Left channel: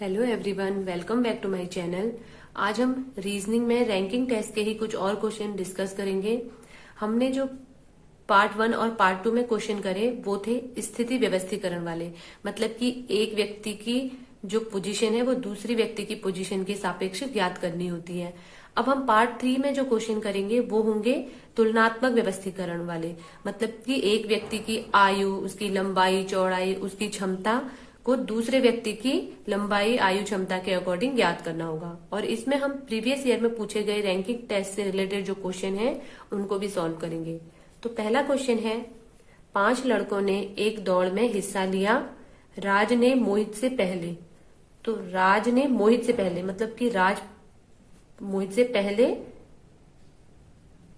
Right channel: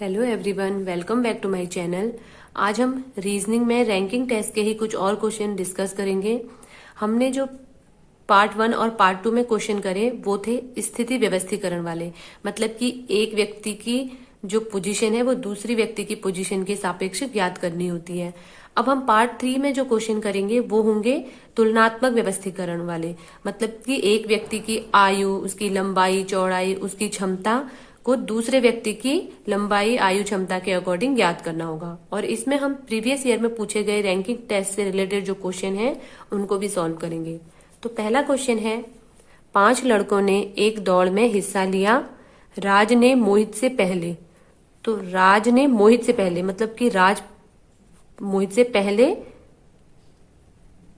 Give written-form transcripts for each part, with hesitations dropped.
Hello everyone, welcome back to my channel. आज हम reasoning में रैंकिंग टेस्ट के ही कुछ और क्वेश्चन डिस्कस करेंगे। हमने जो पार्ट 1 और पार्ट 2 में क्वेश्चन करे वो थे स्थिति व्यवस्थीकरण वाले, मतलब कि एक व्यक्ति की जो पोजीशन है वो दूसरी व्यक्ति की पोजीशन के सापेक्ष ज्ञात करनी होती है। अब हम पार्ट 3 में जो क्वेश्चन करेंगे वो होंगे तुलनात्मक व्यवस्थीकरण वाले, मतलब कि एक व्यक्ति की आयु, उसकी लंबाई, चौड़ाई, उसकी क्षमता को दूसरे व्यक्ति की लंबाई, आयु, क्षमता के अकॉर्डिंग ज्ञात करना होगा। और इसमें हम प्रीवियस ईयर में पूछे गए रैंकिंग टेस्ट से रिलेटेड जो क्वेश्चन है उनको भी सॉल्व करेंगे। तो पहला क्वेश्चन है, 5 लड़कों ने एक दौड़ में हिस्सा लिया। राज ने मोहित से पहले, तो राज ने मोहित से पहले मतलब कि राज मोहित से पहले,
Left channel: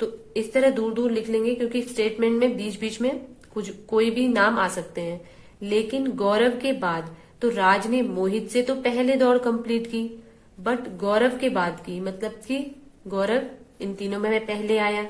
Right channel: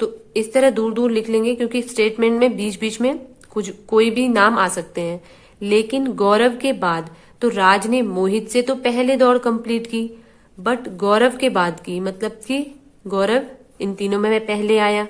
तो इस तरह दूर दूर लिख लेंगे क्योंकि स्टेटमेंट में बीच बीच में कुछ कोई भी नाम आ सकते हैं। लेकिन गौरव के बाद, तो राज ने मोहित से तो पहले दौड़ कंप्लीट की, बट गौरव के बाद की, मतलब कि गौरव इन तीनों में पहले आया।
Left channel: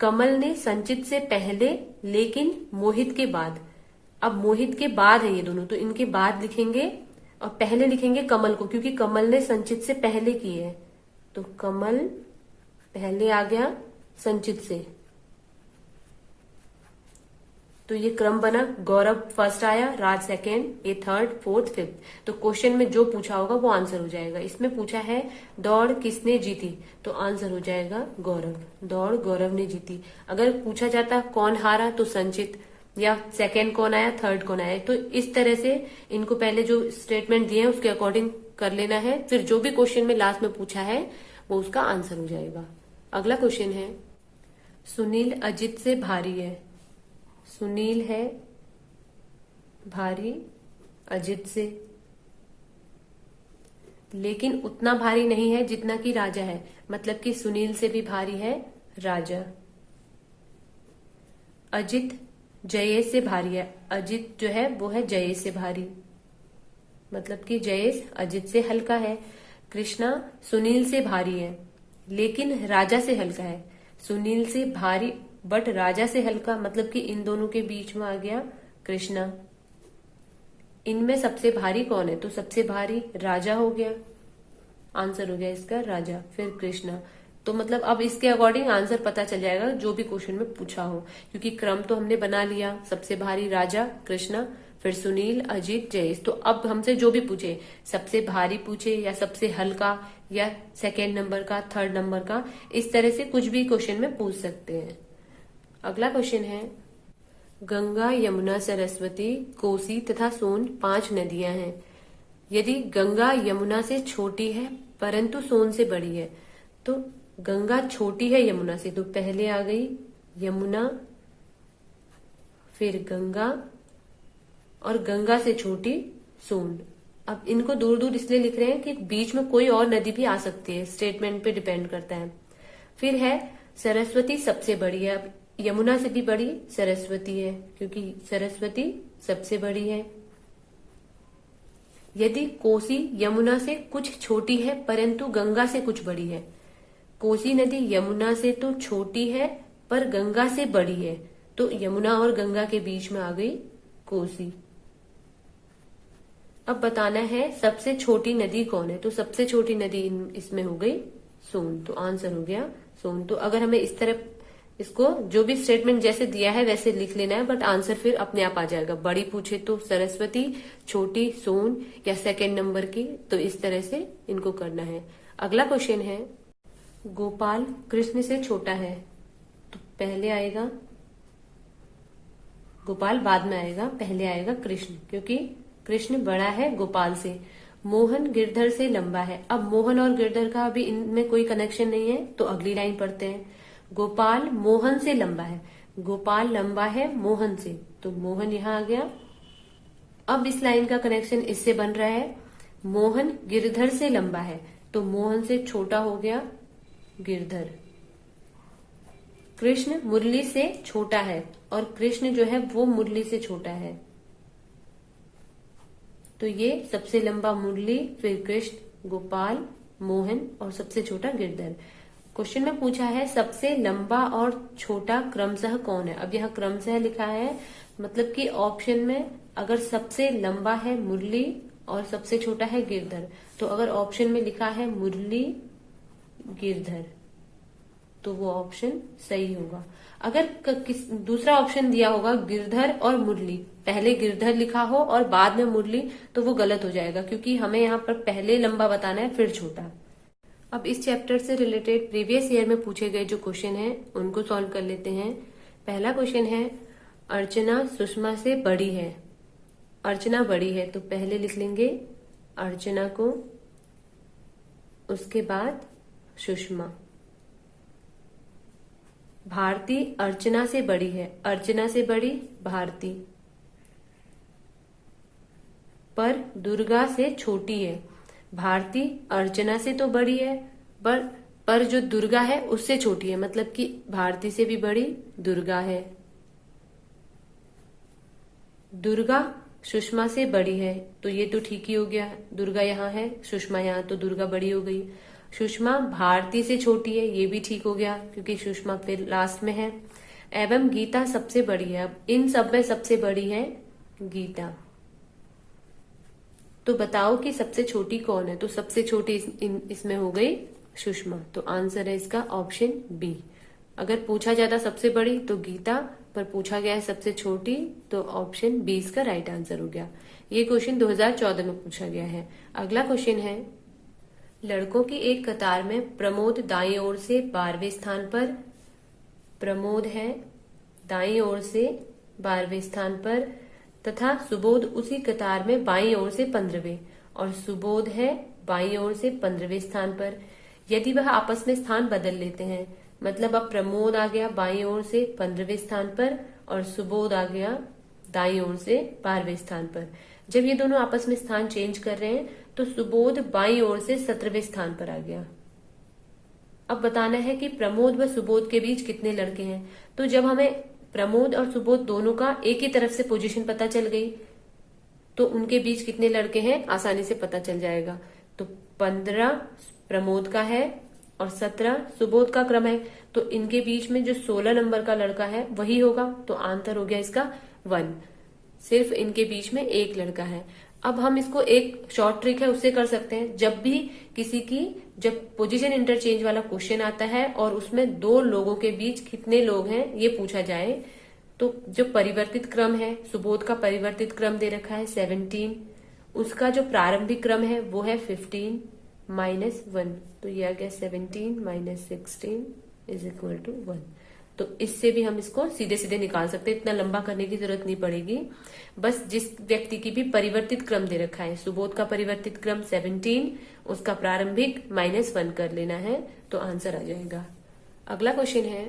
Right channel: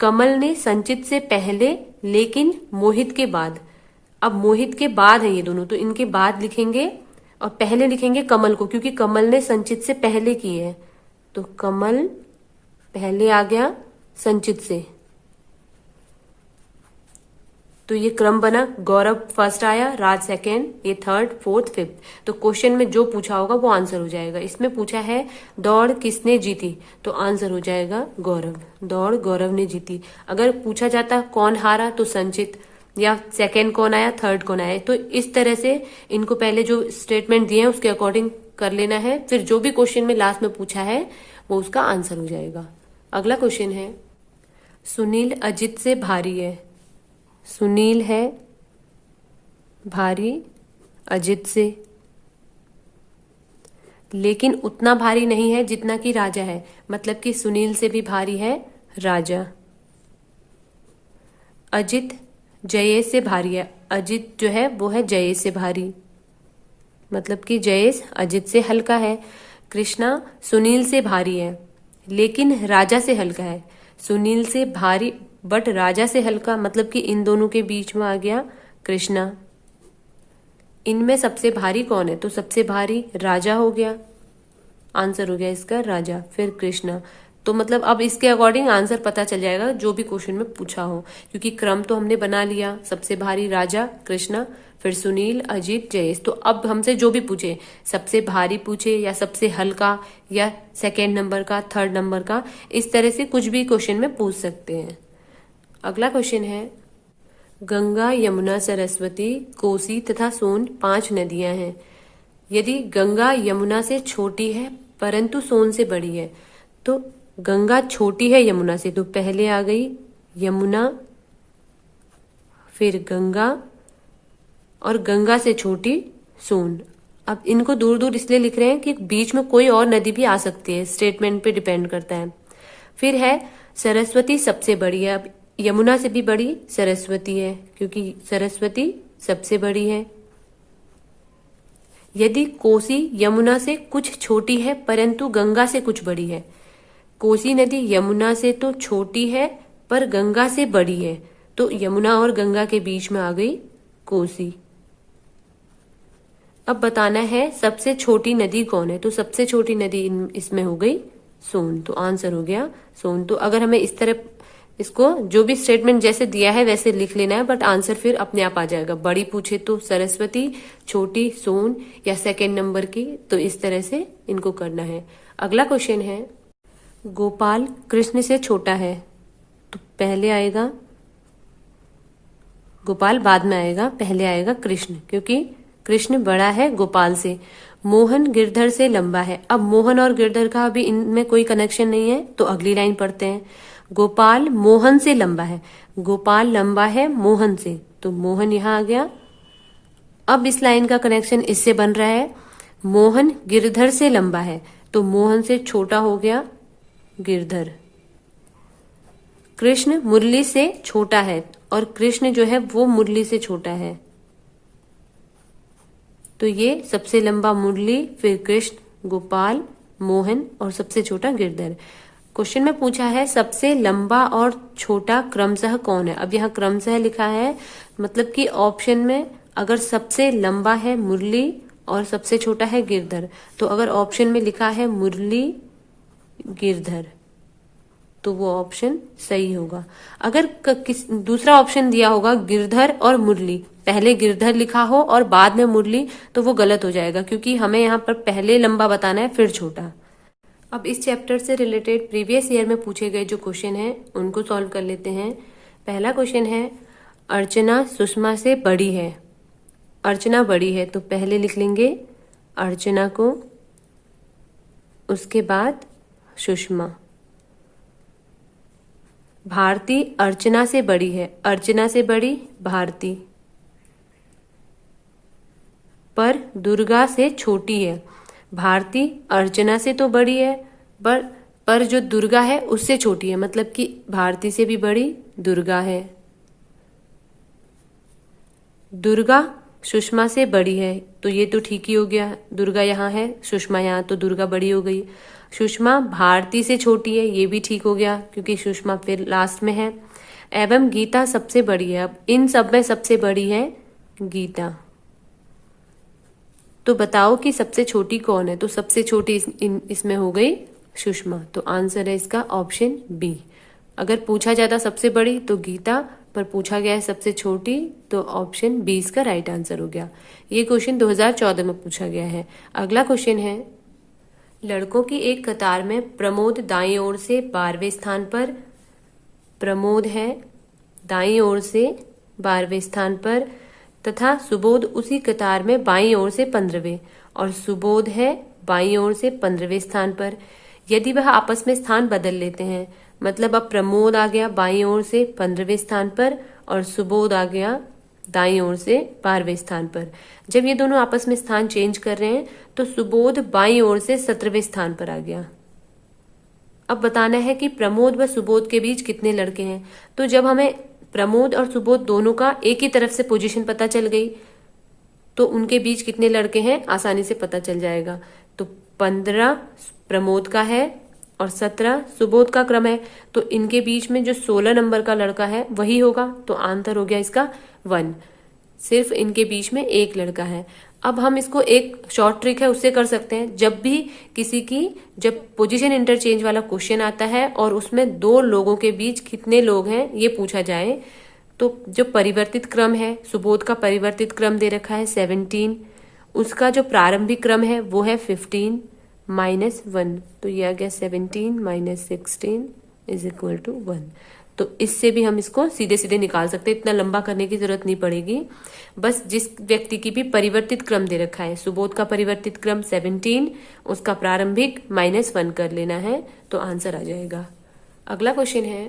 कमल ने संचित से पहले लेकिन मोहित के बाद, अब मोहित के बाद है ये दोनों, तो इनके बाद लिखेंगे और पहले लिखेंगे कमल को, क्योंकि कमल ने संचित से पहले की है। तो कमल पहले आ गया संचित से, तो ये क्रम बना। गौरव फर्स्ट आया, राज सेकेंड, ये थर्ड, फोर्थ, फिफ्थ। तो क्वेश्चन में जो पूछा होगा वो आंसर हो जाएगा। इसमें पूछा है दौड़ किसने जीती, तो आंसर हो जाएगा गौरव। दौड़ गौरव ने जीती। अगर पूछा जाता कौन हारा, तो संचित, या सेकेंड कौन आया, थर्ड कौन आया। तो इस तरह से इनको पहले जो स्टेटमेंट दिए हैं उसके अकॉर्डिंग कर लेना है, फिर जो भी क्वेश्चन में लास्ट में पूछा है वो उसका आंसर हो जाएगा। अगला क्वेश्चन है, सुनील अजित से भारी है। सुनील है भारी अजित से, लेकिन उतना भारी नहीं है जितना कि राजा है, मतलब कि सुनील से भी भारी है राजा। अजित जयेश से भारी है। अजित जो है वो है जयेश से भारी, मतलब कि जयेश अजित से हल्का है। कृष्णा सुनील से भारी है लेकिन राजा से हल्का है। सुनील से भारी बट राजा से हल्का, मतलब कि इन दोनों के बीच में आ गया कृष्णा। इनमें सबसे भारी कौन है, तो सबसे भारी राजा हो गया, आंसर हो गया इसका राजा, फिर कृष्णा। तो मतलब अब इसके अकॉर्डिंग आंसर पता चल जाएगा जो भी क्वेश्चन में पूछा हो, क्योंकि क्रम तो हमने बना लिया, सबसे भारी राजा, कृष्णा, फिर सुनील, अजीत, जयेश। तो अब हमसे जो भी पूछे, सबसे भारी पूछे या सबसे हल्का या सेकेंड नंबर का, थर्ड नंबर का, इस तरह से कुछ भी क्वेश्चन में पूछ सकते हैं। अगला क्वेश्चन है, गंगा, यमुना, सरस्वती, कोसी तथा सोन 5 नदियां हैं। यदि गंगा यमुना से छोटी है परंतु सोन से बड़ी है, तो गंगा छोटी है यमुना से, तो पहले आ गई यमुना, फिर गंगा, और गंगा से छोटी सोन। अब इनको दूर दूर इसलिए लिख रहे हैं कि बीच में कोई और नदी भी आ सकती है, स्टेटमेंट पे डिपेंड करता है। फिर है सरस्वती सबसे बड़ी है। अब यमुना से भी बड़ी सरस्वती है क्योंकि सरस्वती सबसे बड़ी है। यदि कोसी यमुना से कुछ छोटी है परंतु गंगा से कुछ बड़ी है, कोसी नदी यमुना से तो छोटी है पर गंगा से बड़ी है, तो यमुना और गंगा के बीच में आ गई कोसी। अब बताना है सबसे छोटी नदी कौन है, तो सबसे छोटी नदी इसमें हो गई सोन, तो आंसर हो गया सोन। तो अगर हमें इस तरह इसको जो भी स्टेटमेंट जैसे दिया है वैसे लिख लेना है, बट आंसर फिर अपने आप आ जाएगा। बड़ी पूछे तो सरस्वती, छोटी सोन, या सेकेंड नंबर की, तो इस तरह से इनको करना है। अगला क्वेश्चन है, गोपाल कृष्ण से छोटा है, तो पहले आएगा गोपाल, बाद में आएगा, पहले आएगा कृष्ण, क्योंकि कृष्ण बड़ा है गोपाल से। मोहन गिरधर से लंबा है। अब मोहन और गिरधर का अभी इनमें कोई कनेक्शन नहीं है, तो अगली लाइन पढ़ते हैं। गोपाल मोहन से लंबा है। गोपाल लंबा है मोहन से, तो मोहन यहां आ गया। अब इस लाइन का कनेक्शन इससे बन रहा है, मोहन गिरधर से लंबा है, तो मोहन से छोटा हो गया गिरधर। कृष्ण मुरली से छोटा है और कृष्ण जो है वो मुरली से छोटा है, तो ये सबसे लंबा मुरली, फिर कृष्ण, गोपाल, मोहन और सबसे छोटा गिरधर। क्वेश्चन में पूछा है सबसे लंबा और छोटा क्रमशः कौन है। अब यहाँ क्रमशः लिखा है, मतलब कि ऑप्शन में अगर सबसे लंबा है मुरली और सबसे छोटा है गिरधर। तो अगर ऑप्शन में लिखा है मुरली गिरधर तो वो ऑप्शन सही होगा। अगर दूसरा ऑप्शन दिया होगा गिरधर और मुरली, पहले गिरधर लिखा हो और बाद में मुरली, तो वो गलत हो जाएगा, क्योंकि हमें यहाँ पर पहले लंबा बताना है फिर छोटा। अब इस चैप्टर से रिलेटेड प्रीवियस ईयर में पूछे गए जो क्वेश्चन हैं उनको सॉल्व कर लेते हैं। पहला क्वेश्चन है, अर्चना सुषमा से बड़ी है। अर्चना बड़ी है तो पहले लिख लेंगे अर्चना को, उसके बाद सुषमा। भारती अर्चना से बड़ी है, अर्चना से बड़ी भारती, पर दुर्गा से छोटी है। भारती अर्चना से तो बड़ी है, पर जो दुर्गा है उससे छोटी है, मतलब कि भारती से भी बड़ी दुर्गा है। दुर्गा सुषमा से बड़ी है, तो ये तो ठीक ही हो गया, दुर्गा यहाँ है, सुषमा यहाँ, तो दुर्गा बड़ी हो गई। सुषमा भारती से छोटी है, ये भी ठीक हो गया, क्योंकि सुषमा फिर लास्ट में है। एवं गीता सबसे बड़ी है, अब इन सब में सबसे बड़ी है गीता। तो बताओ कि सबसे छोटी कौन है? तो सबसे छोटी इसमें हो गई सुषमा, तो आंसर है इसका ऑप्शन बी। अगर पूछा जाता सबसे बड़ी तो गीता, पर पूछा गया है सबसे छोटी, तो ऑप्शन बी इसका राइट आंसर हो गया। ये क्वेश्चन 2014 में पूछा गया है। अगला क्वेश्चन है, लड़कों की एक कतार में प्रमोद दाईं ओर से 12वें स्थान पर, प्रमोद है दाईं ओर से 12वें स्थान पर, तथा सुबोध उसी कतार में बाईं ओर से 15वें, और सुबोध है बाईं ओर से 15वें स्थान पर। यदि वह आपस में स्थान बदल लेते हैं, मतलब अब प्रमोद आ गया बाईं ओर से 15वें स्थान पर और सुबोध आ गया दाईं ओर से 12वें स्थान पर। जब ये दोनों आपस में स्थान चेंज कर रहे हैं तो सुबोध बाईं ओर से 17वें स्थान पर आ गया। अब बताना है कि प्रमोद व सुबोध के बीच कितने लड़के हैं। तो जब हमें प्रमोद और सुबोध दोनों का एक ही तरफ से पोजीशन पता चल गई तो उनके बीच कितने लड़के हैं आसानी से पता चल जाएगा। तो 15 प्रमोद का है और 17 सुबोध का क्रम है, तो इनके बीच में जो 16 नंबर का लड़का है वही होगा, तो आंसर हो गया इसका 1। सिर्फ इनके बीच में एक लड़का है। अब हम इसको एक शॉर्ट ट्रिक है उससे कर सकते हैं। जब भी किसी की जब पोजीशन इंटरचेंज वाला क्वेश्चन आता है और उसमें दो लोगों के बीच कितने लोग हैं ये पूछा जाए, तो जो परिवर्तित क्रम है, सुबोध का परिवर्तित क्रम दे रखा है 17, उसका जो प्रारंभिक क्रम है वो है 15 -1, तो ये आ गया 17 - 16 = 1। तो इससे भी हम इसको सीधे सीधे निकाल सकते हैं, इतना लंबा करने की जरूरत नहीं पड़ेगी। बस जिस व्यक्ति की भी परिवर्तित क्रम दे रखा है, सुबोध का परिवर्तित क्रम 17, उसका प्रारंभिक -1 कर लेना है तो आंसर आ जाएगा। अगला क्वेश्चन है,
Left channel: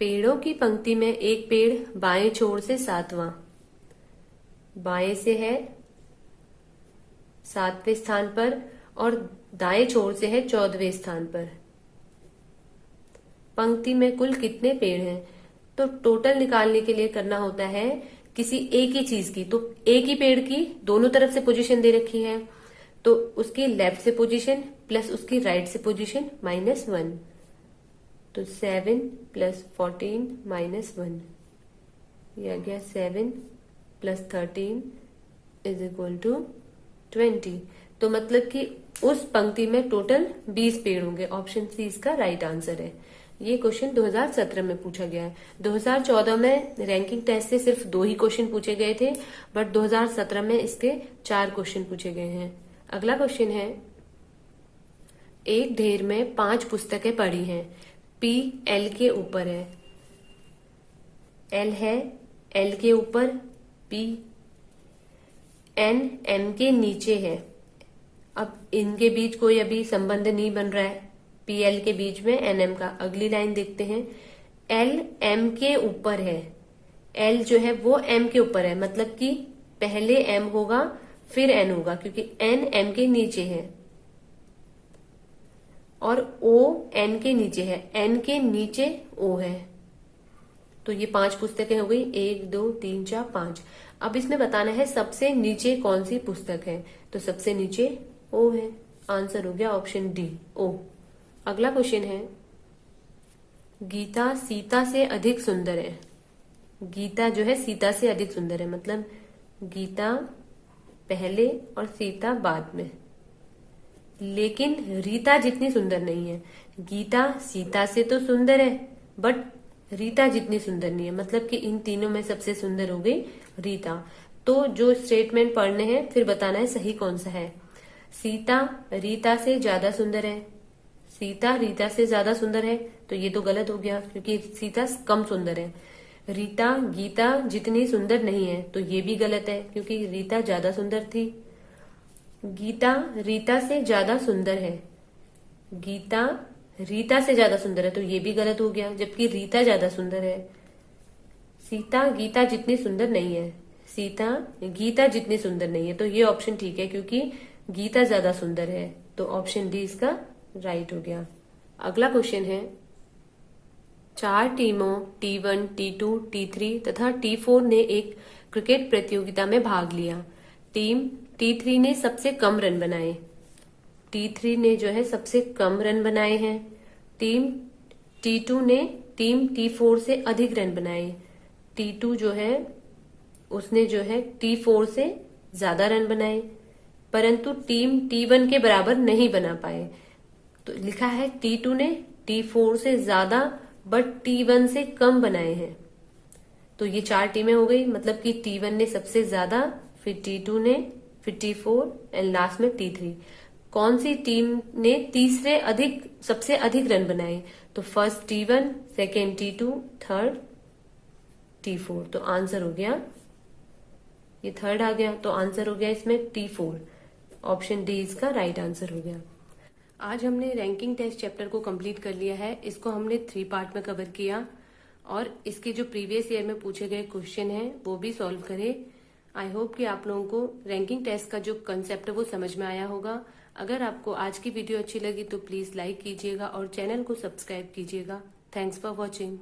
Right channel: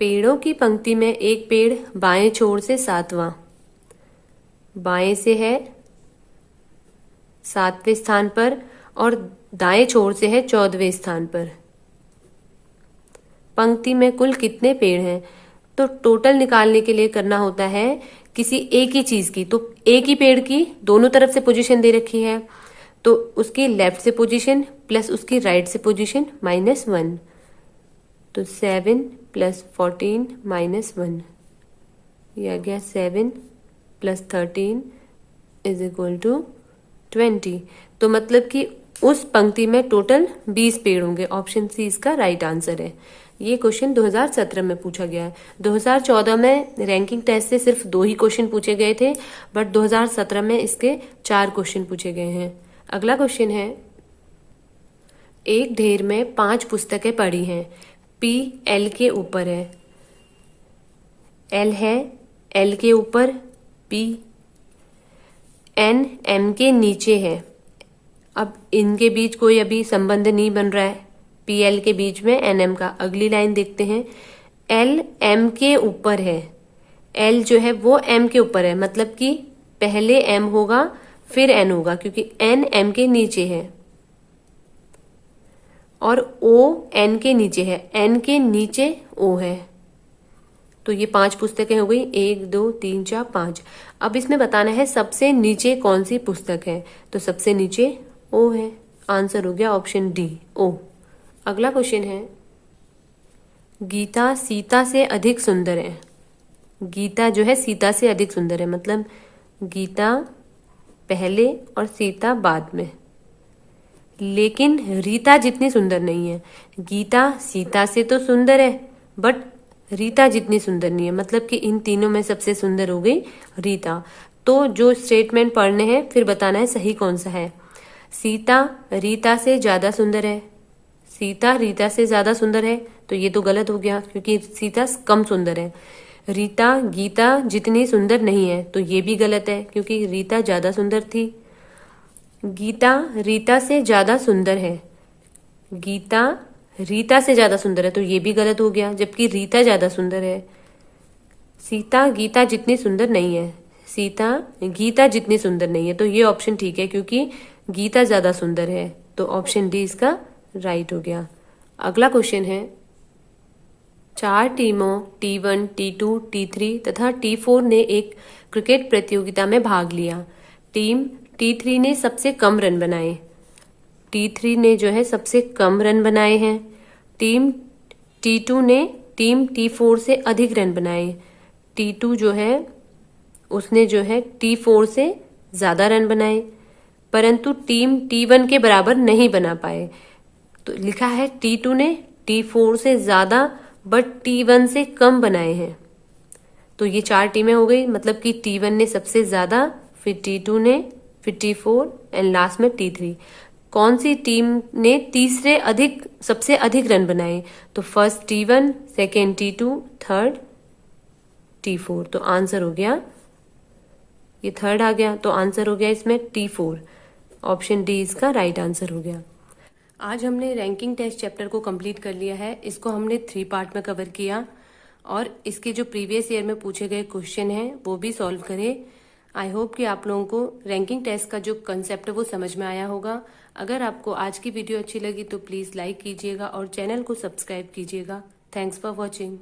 पेड़ों की पंक्ति में एक पेड़ बाएं छोर से 7वां, बाएं से है 7वें स्थान पर और दाएं छोर से है 14वें स्थान पर। पंक्ति में कुल कितने पेड़ हैं? तो टोटल निकालने के लिए करना होता है किसी एक ही चीज की, तो एक ही पेड़ की दोनों तरफ से पोजीशन दे रखी है, तो उसकी लेफ्ट से पोजीशन प्लस उसकी राइट से पोजीशन -1, तो 7 + 14 -1, ये आ गया 7 + 13 = 20। तो मतलब कि उस पंक्ति में टोटल 20 पेड़ होंगे। ऑप्शन सी इसका राइट आंसर है। ये क्वेश्चन 2017 में पूछा गया है। 2014 में रैंकिंग टेस्ट से सिर्फ 2 ही क्वेश्चन पूछे गए थे, बट 2017 में इसके 4 क्वेश्चन पूछे गए हैं। अगला क्वेश्चन है, एक ढेर में 5 पुस्तकें पड़ी हैं, P L के ऊपर है, L है L के ऊपर, P N M के नीचे है। अब इनके बीच कोई अभी संबंध नहीं बन रहा है, PL के बीच में NM का। अगली लाइन देखते हैं, L M के ऊपर है, L जो है वो M के ऊपर है, मतलब कि पहले M होगा फिर N होगा, क्योंकि N M के नीचे है, और O N के नीचे है, N के नीचे O है। तो ये 5 पुस्तकें हो गई, 1 2 3 4 5। अब इसमें बताना है सबसे नीचे कौन सी पुस्तक है, तो सबसे नीचे O है, आंसर हो गया ऑप्शन डी O। अगला क्वेश्चन है, गीता सीता से अधिक सुंदर है। गीता जो है सीता से अधिक सुंदर है, मतलब गीता पहले और सीता बाद में। लेकिन रीता जितनी सुंदर नहीं है। गीता सीता से तो सुंदर है, बट रीता जितनी सुंदर नहीं है। मतलब कि इन तीनों में सबसे सुंदर हो गई रीता। तो जो स्टेटमेंट पढ़ने हैं फिर बताना है सही कौन सा है। सीता रीता से ज्यादा सुंदर है। सीता रीता से ज्यादा सुंदर है, तो ये तो गलत हो गया क्योंकि सीता कम सुंदर है। रीता गीता जितनी सुंदर नहीं है, तो ये भी गलत है क्योंकि रीता ज्यादा सुंदर थी। गीता रीता से ज्यादा सुंदर है। गीता रीता से ज्यादा सुंदर है, तो ये भी गलत हो गया, जबकि रीता ज्यादा सुंदर है। सीता गीता जितनी सुंदर नहीं है। सीता गीता जितनी सुंदर नहीं है, तो ये ऑप्शन ठीक है क्योंकि गीता ज्यादा सुंदर है। तो ऑप्शन डी इसका राइट हो गया। अगला क्वेश्चन है, 4 टीमों T1, T2, T3 तथा T4 ने एक क्रिकेट प्रतियोगिता में भाग लिया। टीम T3 ने सबसे कम रन बनाए। T3 ने जो है सबसे कम रन बनाए हैं। टीम T2 ने टीम T4 से अधिक रन बनाए। T2 जो है उसने जो है T4 से ज्यादा रन बनाए, परंतु टीम T1 के बराबर नहीं बना पाए। तो लिखा है T2 ने T4 से ज्यादा बट T1 से कम बनाए हैं। तो ये 4 टीमें हो गई, मतलब कि T1 ने सबसे ज्यादा, फिर T2 ने, फिर T4 एंड लास्ट में T3। कौन सी टीम ने तीसरे सबसे अधिक रन बनाए? तो first T1, second T2, third T4। तो आंसर हो गया, ये थर्ड आ गया, तो आंसर हो गया इसमें T4। ऑप्शन डी इसका राइट आंसर हो गया। आज हमने रैंकिंग टेस्ट चैप्टर को कंप्लीट कर लिया है। इसको हमने 3 पार्ट में कवर किया और इसके जो प्रीवियस ईयर में पूछे गए क्वेश्चन हैं वो भी सॉल्व करे। आई होप कि आप लोगों को रैंकिंग टेस्ट का जो कंसेप्ट है वो समझ में आया होगा। अगर आपको आज की वीडियो अच्छी लगी तो प्लीज लाइक कीजिएगा और चैनल को सब्सक्राइब कीजिएगा। Thanks for watching.